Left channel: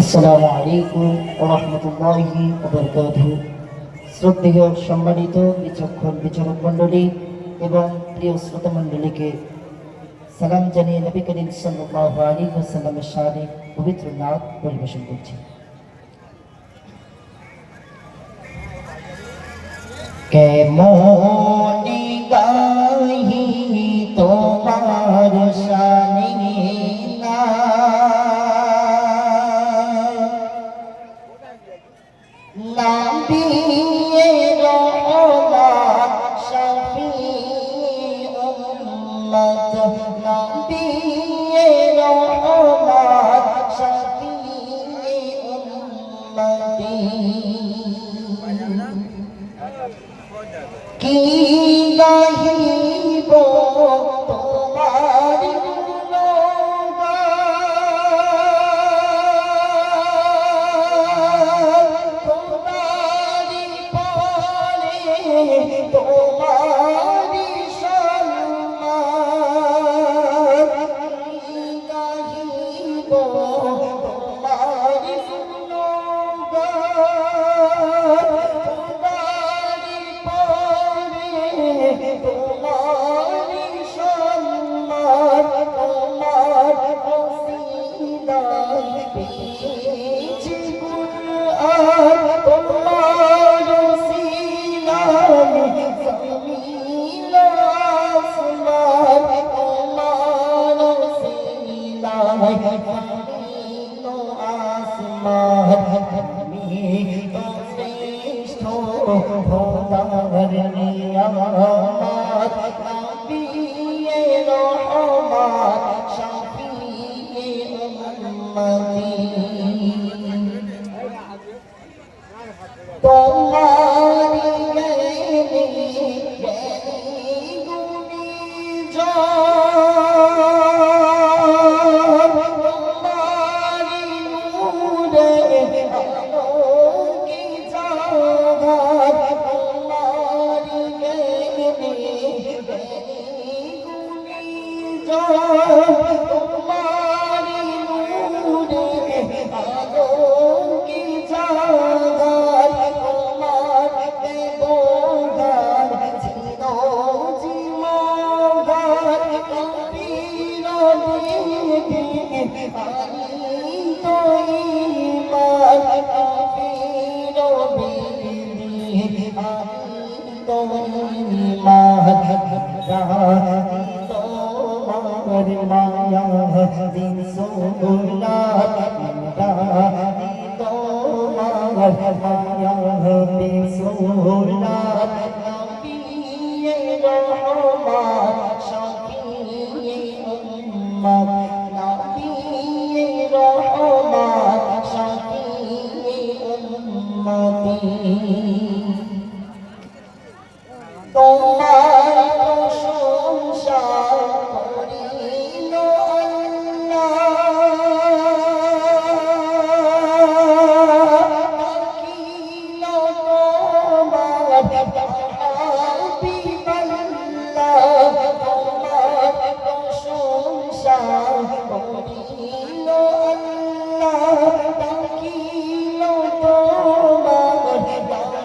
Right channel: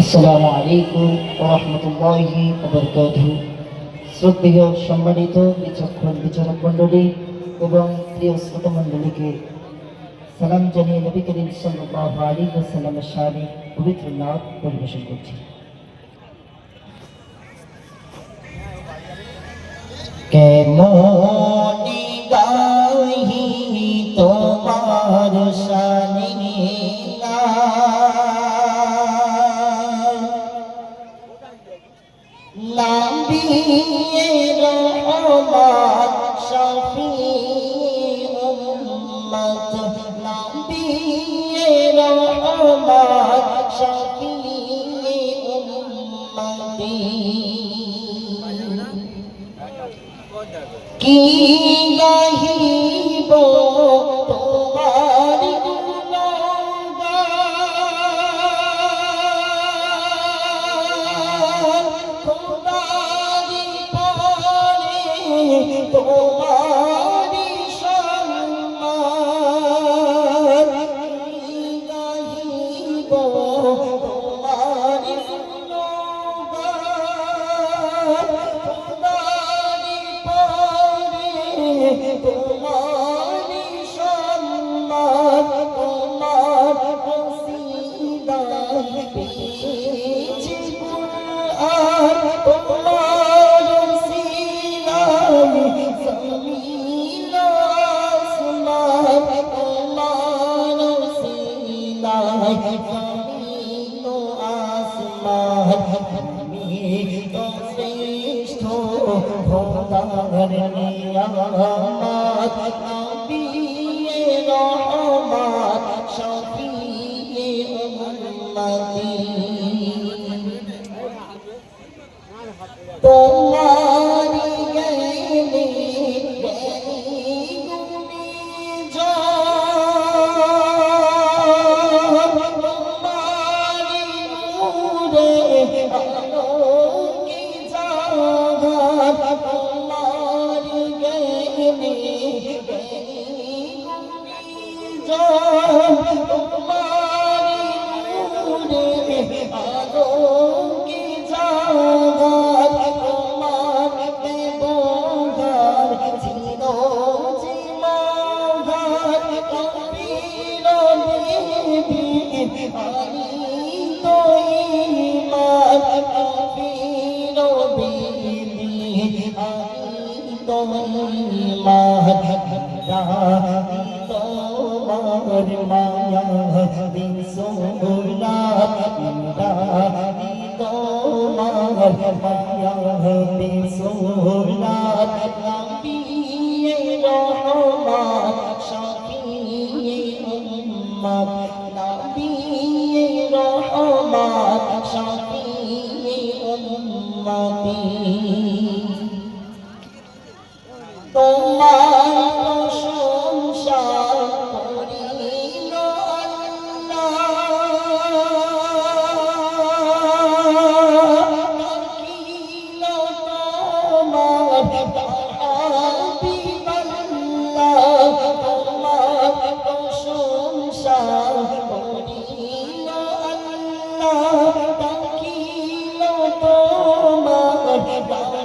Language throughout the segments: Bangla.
আসসালামু আলাইকুম ওয়া রাহমাতুল্লাহি ওয়া বারাকাতুহু। শ্রদ্ধেয় সম্মানিত বিচক্ষণ বিচারক মণ্ডলী এবং প্রিয় শ্রোতা মণ্ডলীকে সালাম জানিয়ে নবী করিম সাল্লাল্লাহু আলাইহি ওয়াসাল্লামের শানে পবিত্র নাত পরিবেশন করছি। কেমনি গাহি তোমার শানে নবিয়ে রহমত শফিউল উম্মত, নবিয়ে রহমত শফিউল উম্মতি। কি গাহিব তোমার তোমারি সম্মান, গাহিব তোমারি গুণগান, তোমারি পরে তোমারি সম্মান, তোমার কসিদায় পেয়েছি কুরআন, তোমার জমিন আসমান, তোমার সিনায় জমিন আসমান। তুমি তো শ্রেষ্ঠ খোদার নিয়ামত, নবিয়ে রহমত শফিউল উম্মতি। তোমারি জ্ঞানে গুণী জন, তোমারি নূরে আলোকে জাগান, তোমারি জ্ঞানে গুণী জন, তোমারি নূরে আলোকে জাগান, তোমার ব্যবহার ছিল জীবনগান। কবির বিবি আমি তো ঈমান, কবির বিবি আমি তো ঈমান। তোমার মায়া দিন সোলাত, তোমার মায়া দিন সোলাত, নবিয়ে রহমত শফিউল উম্মত, নবিয়ে রহমত শফিউল উম্মতি। তোমার প্রশংসা করিল আল্লাহ, থাকিল তোমার হাবিবাল্লাহ। তোমার প্রশংসা করিল আল্লাহ, থাকিল তোমার হাবিবাল্লাহ।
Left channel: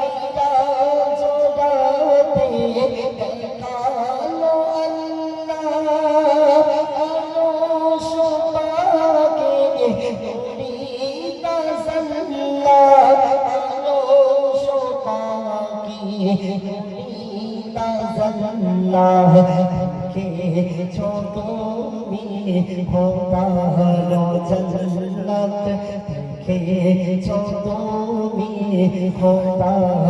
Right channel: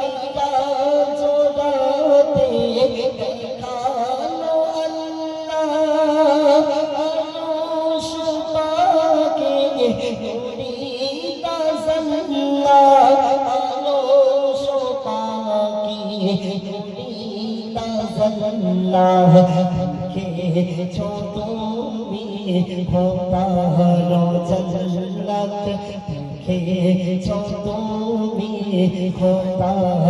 মিরাজ রাতে দেখালো আল্লাহ, আরশ পাকে নূরি তাজাল্লা, আরশ পাকে নূরি তাজাল্লা। দেখেছো তুমি খোদার জান্নাত, দেখেছো তুমি খোদার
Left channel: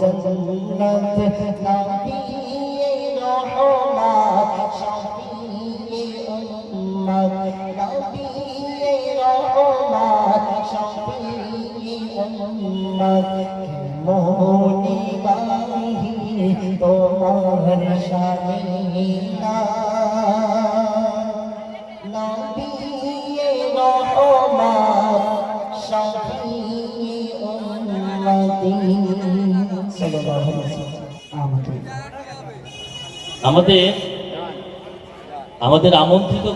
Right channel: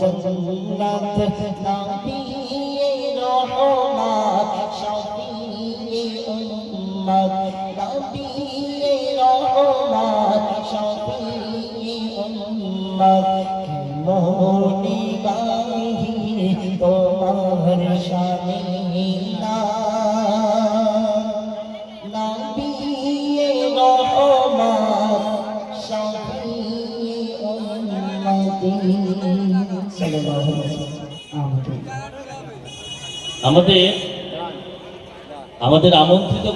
জান্নাত, নবিয়ে রহমত শফিউল উম্মত, নবিয়ে রহমত শফিউল উম্মত। কেমনি গাহি তোমার শানে নবিয়ে রহমত শফিউল উম্মতি। সাল্লাল্লাহু আলাইহি ওয়াসাল্লাম। আমাদের আমন্ত্রিত